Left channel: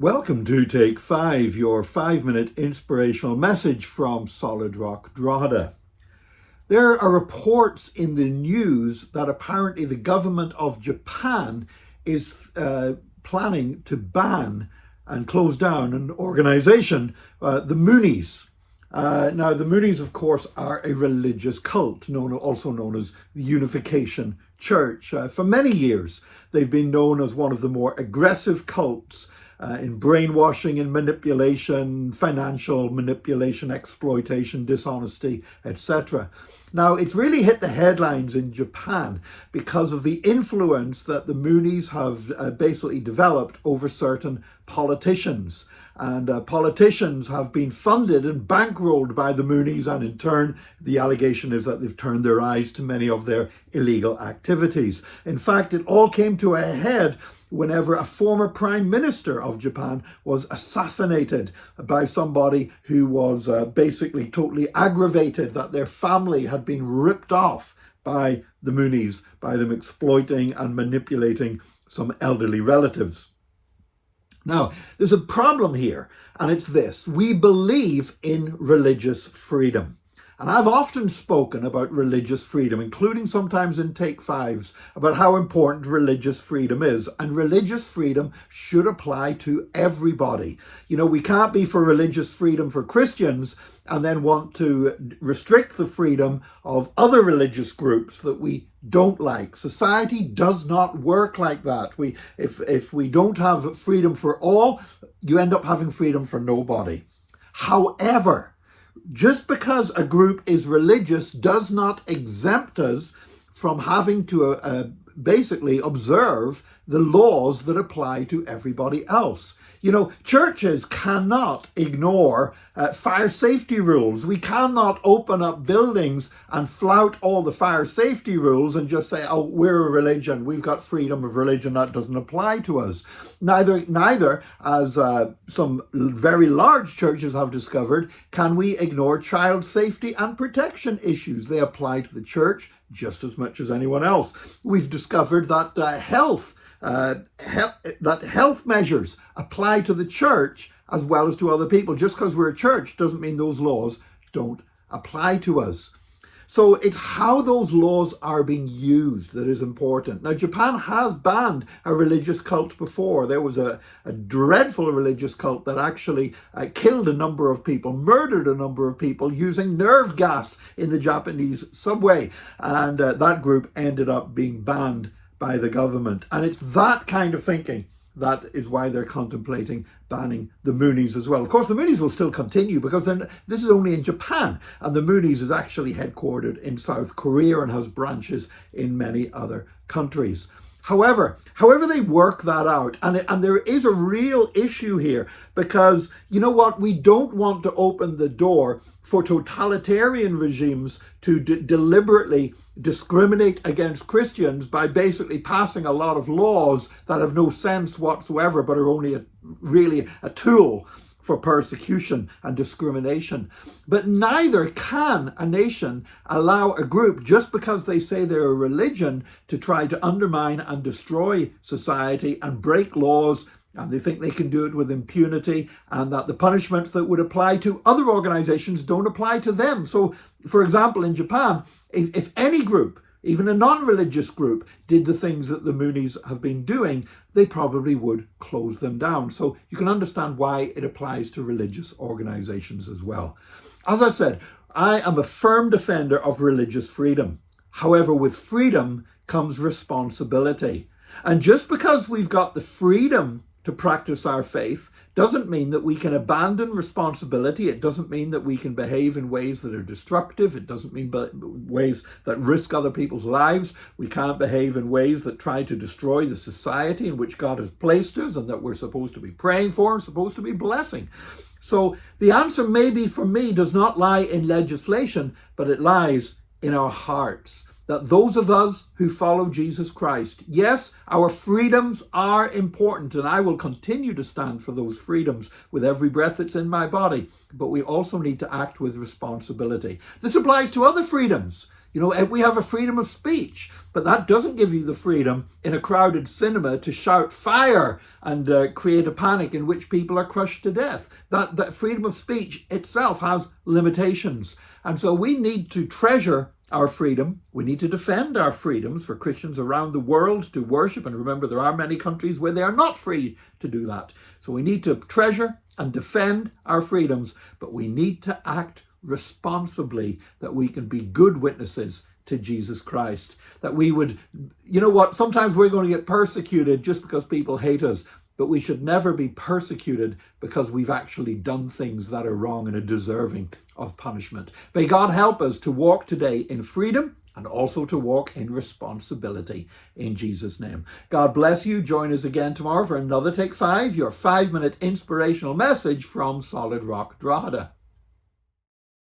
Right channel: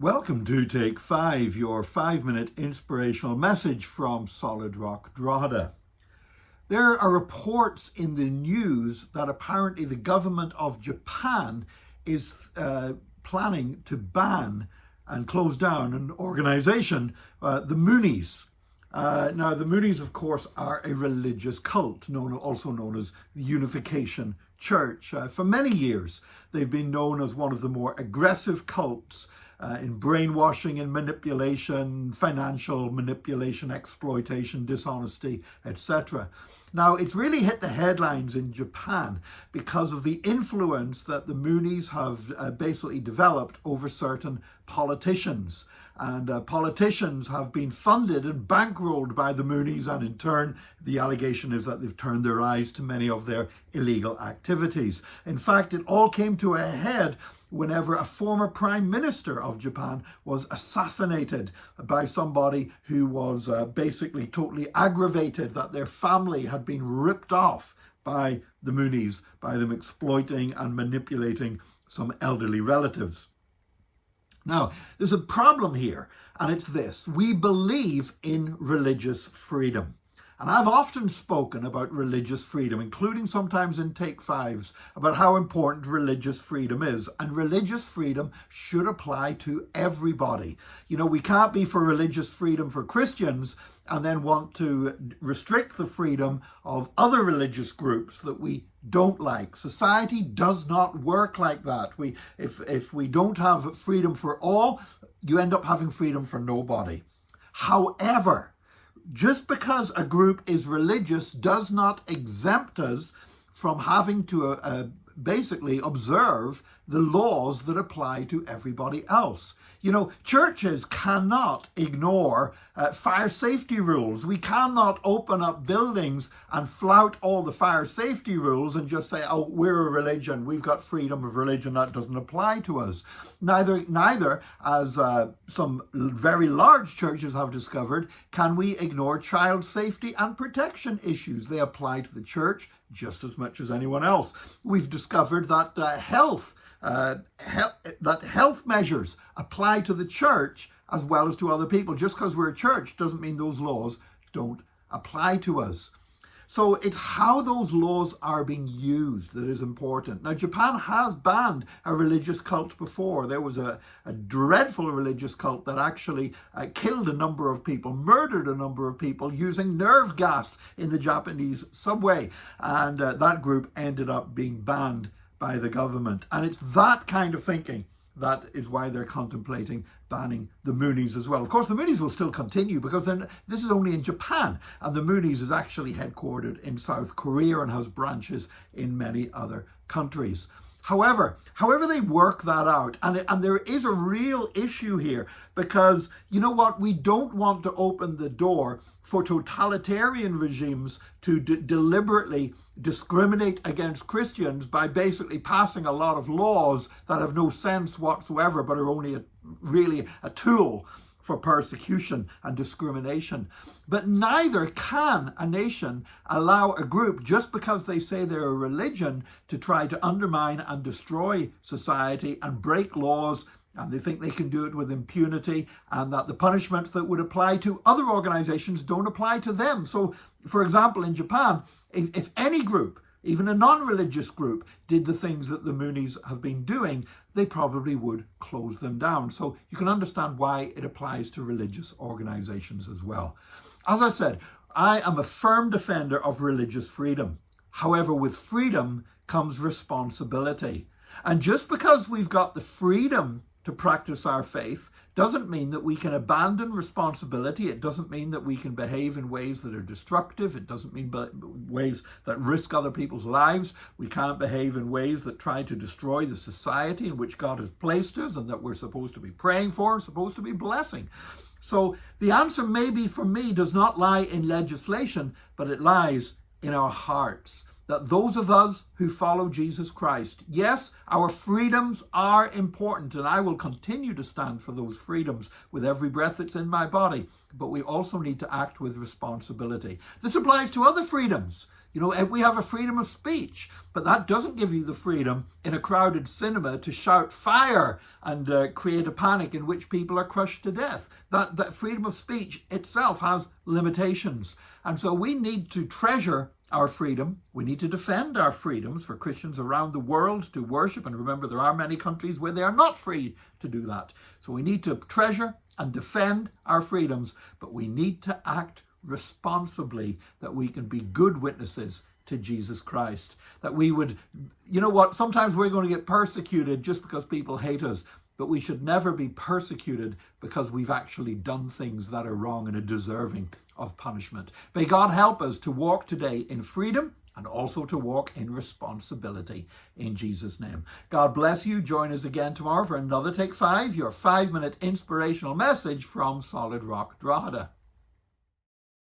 Welcome to Take 5, your 5-minute inspirational message from Solid Rock Drogheda. There are reports in the news that apparently the government of Japan is planning to ban and close down an organization, the Moonies. Now, the Moonies, of course, are a religious cult, also known as the Unification Church. For many years, they've been known as one of the more aggressive cults in brainwashing and manipulation, financial manipulation, exploitation, dishonesty, etc. Now, it's really hit the headlines in Japan because of the influence that the Moonies have basically developed over certain politicians. And politicians have been funded and bankrolled by the Moonies, and in turn, the allegation is that they've turned their eyes to many of their illegal activities. In fact, it all came to a head whenever a former prime minister of Japan was assassinated by somebody who was basically totally aggravated that their family had been ripped off by the Moonies, by them exploiting and manipulating some elderly relatives. Now, there's a problem here, and it's this: we believe in religious freedom. And I've often spoken about religious freedom, including sometimes in Take Fives, about how important religious freedom is. And religious freedom should apply to everybody. You know, we can't be for religious freedom for Christians and then want to restrict the freedom of other religious groups that we don't like. Society does not work like that. If we don't have freedom for all, you end up having freedom for nobody. However, just because a group is religious does not exempt us from having to basically observe the laws that apply to everybody else. You know, churches cannot ignore fire safety rules. We cannot open up buildings and flout all the fire safety rules and just say, oh, we're a religion, we've got freedom of religion, that doesn't apply to us. Neither, as some very large churches have discovered, can we ignore child safety and protection issues. They apply to the church just as much as anyone else. We've discovered that health measures apply to the church as well as to other people. Just because we're a church doesn't mean those laws don't apply to us. So it's how those laws are being used that is important. Now, Japan has banned a religious cult before. There was a dreadful religious cult that actually killed a number of people, murdered a number of people using nerve gas in the Japanese subway. And that group ended up being banned by the government. And it's that kind of thinking that is why they're contemplating banning the Moonies as well. Of course, the Moonies will still continue because then this is only in Japan, and the Moonies is actually headquartered in South Korea and has branches in many other countries. However they work that out, and there is a real issue here, because you know what, we don't want to open the door for totalitarian regimes to deliberately discriminate against Christians by basically passing a lot of laws that have no sense whatsoever but are only really a tool for persecution and discrimination. But neither can a nation allow a group, just because they say they're a religion, to try to undermine and destroy society and break laws, and they think they can do it with impunity, and that the punishments that would apply to other organizations don't apply to them. So, for example, in Japan, if any group, even a non-religious group, did the things that the Moonies have been doing, they probably would close them down. So you can understand why it applies to religious organizations as well. As I said, I am a firm defender of religious freedom. However, with freedom comes responsibility. And just because we've got the freedom to practice our faith doesn't mean that we can abandon responsibility. It doesn't mean that we can behave in ways that are destructive. It doesn't mean ways that risk other people's lives. We can't behave in ways that try to destroy the society in which God has placed us and that we're supposed to be praying for and supposed to be blessing. So the answer, maybe for me, does not lie in legislation, but it lies in our hearts. That those of us who follow Jesus Christ, yes, our freedoms are important, and I will continue to stand for those freedoms with every breath that's in my body, but we also need to act with responsibility. This applies to other freedoms. You know, we have a freedom of speech, but that doesn't give you the freedom in a crowded cinema to shout fire and create a panic in which people are crushed to death. That freedom of speech itself has limitations. And so we need to treasure our freedom. We need to defend our freedoms for Christians around the world to worship. And remember, there are many countries where they are not free to do that. So we need to treasure and defend our freedoms, but we need to act responsibly, that we can be good witnesses to Jesus Christ. That we would, you know what, sometimes we're going to get persecuted just because people hate us, but we should never be persecuted because we've actually done things that are wrong and are deserving of punishment. May God help us to walk today in freedom and also to walk in responsibility in Jesus' name. God bless you. Join us again tomorrow for another Take 5, your 5-minute inspirational message from Solid Rock Drogheda.